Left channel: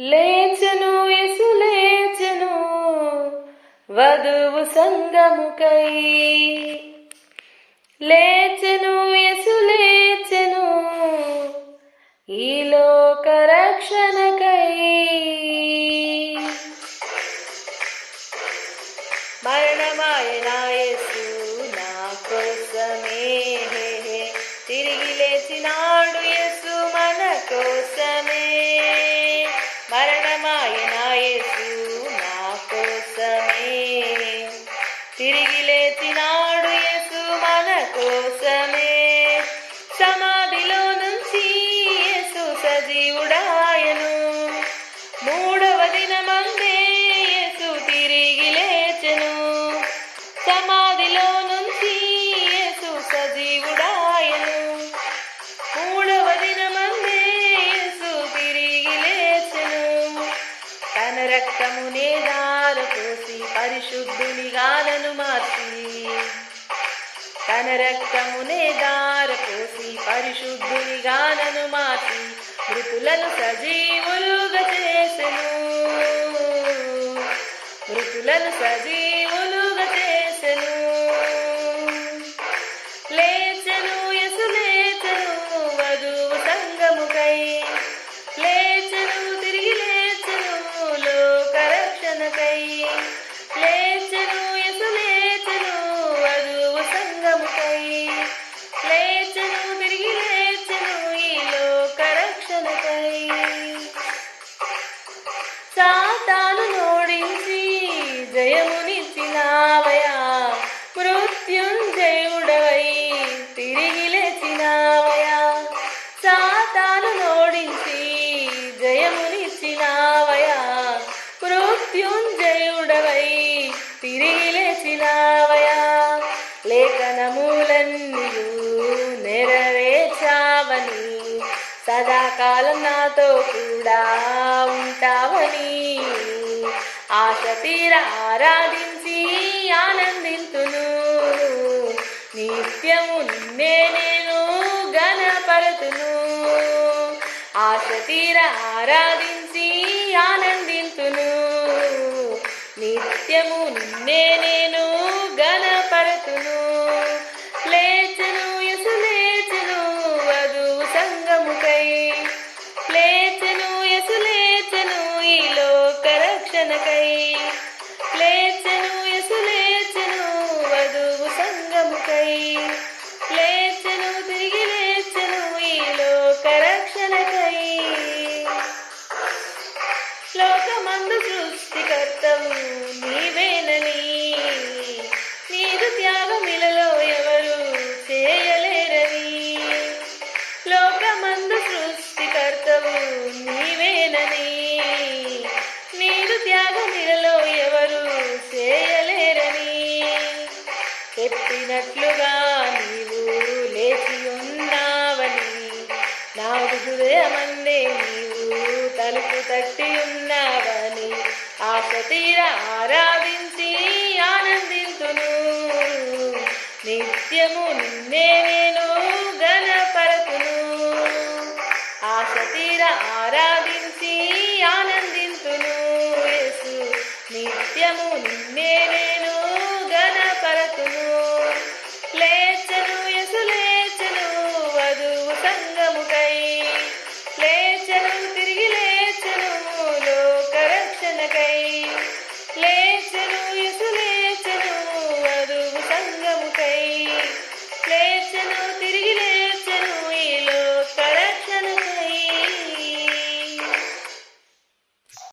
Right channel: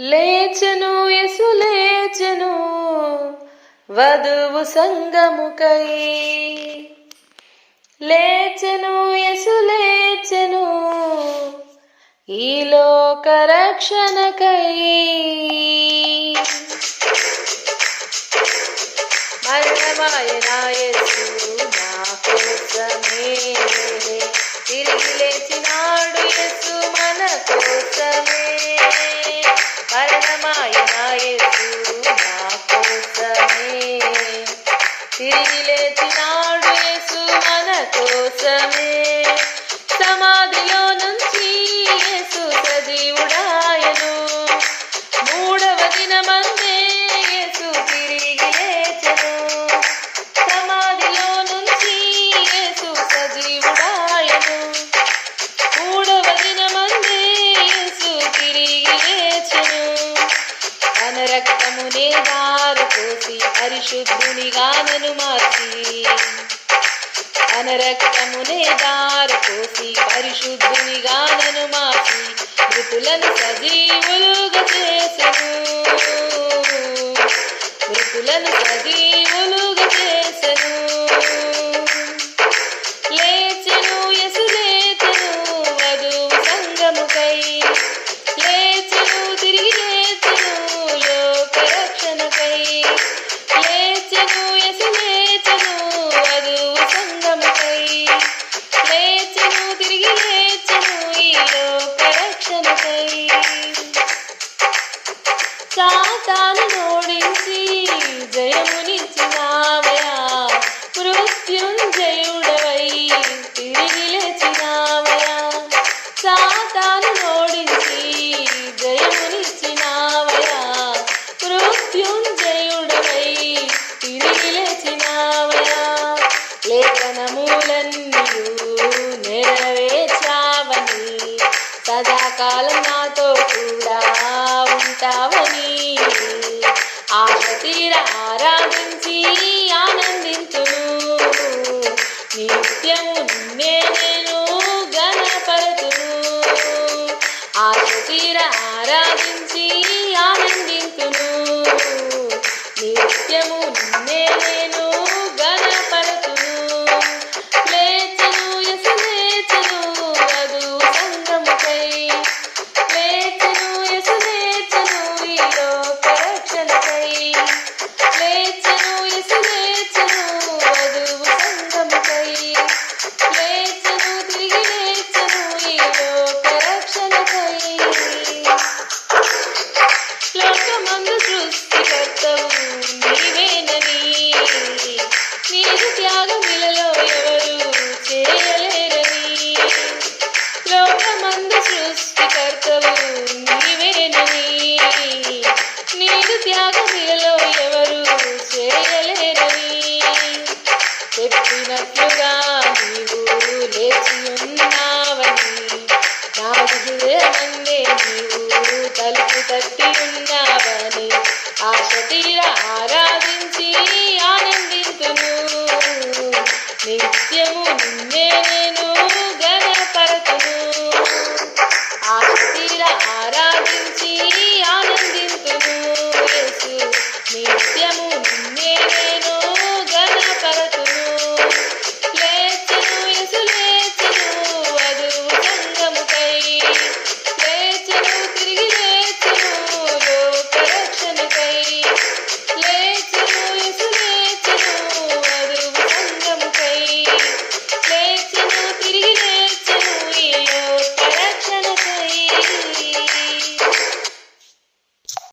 లేచెను యేసు లేచెను వధువు సంగముకై. లేచెను యేసు లేచెను ఈ లోక రక్షణకై. మరణమాయనా యేసు నా కోసమే, తిరిగి లేచినాడు యేసు మన కోసమే. మరణమాయనా యేసు నా కోసమే, తిరిగి లేచినాడు యేసు మన కోసమే. సమాధిలో నుంచి యేసు సజీవుడాయను, మూడవ దినమందే యేసు తిరిగి లేచెను. సమాధిలో నుంచి యేసు సజీవుడాయను, మూడవ దినమందే యేసు తిరిగి లేచెను. తన రక్తమునే దారి పోసి పరిశుద్ధునిగా నన్ను మార్చి, తన రక్తమునే దారి పోసి పరిశుద్ధునిగా నన్ను మార్చి, మృతులను సజీవులుగా చేసెను, మృతులను సజీవులుగా చేసెను. లేచెను యేసు లేచెను వధువు సంగముకై. లేచెను తిరిగి లేచెను లోక రక్షణకై. లేచెను యేసు లేచెను వధువు సంగముకై. లేచెను తిరిగి లేచెను ఈ లోక రక్షణకై. సాతాను నోడించి జయమునిచ్చినావయా, మృత్యుంజయుడవై తిరిగి లేచినావయా. సాతాను నోడించి జయమునిచ్చినావయా, మృత్యుంజయుడవై తిరిగి లేచినావయా. లేఖనములన్నీయు నెరవేర్చావని, సదాకాలం నాతో కూడా ఉంటావని, ఆశ తీర ఆరాధించి ఆనందించును. నిత్యము నిన్నే నేను ఘనపరచును, ఆశ తీర ఆరాధించి ఆనందించును. నిత్యము నిన్నే నేను ఘనపరచును. లేచెను యేసు లేచెను వధువు సంగముకై. లేచెను యేసు లేచెను ఈ లోక రక్షణకై. లేచెను యేసు లేచెను వధువు సంగముకై. లేచెను తిరిగి లేచెను ఈ లోక రక్షణకై. లోకమందు సృష్టికర్తవు నీవేనని, నీదు త్యాగమిలలో ఎవరు చేయలేరని. లోకమందు సృష్టికర్తవు నీవేనని, నీదు త్యాగమిలలో ఎవరు చేయలేరని. చెప్పినట్లుగా నీవు లేచి ఉన్నావని, నాదు హృదయమందే నీవు తలుపు తట్టి ఉన్నావని, ఆశ తీర ఆరాధించి ఆనందించును. నిత్యము నిన్నే నేను ఘనపరచును, ఆశ తీర ఆరాధించి ఆనందించును. యేసు నిత్యము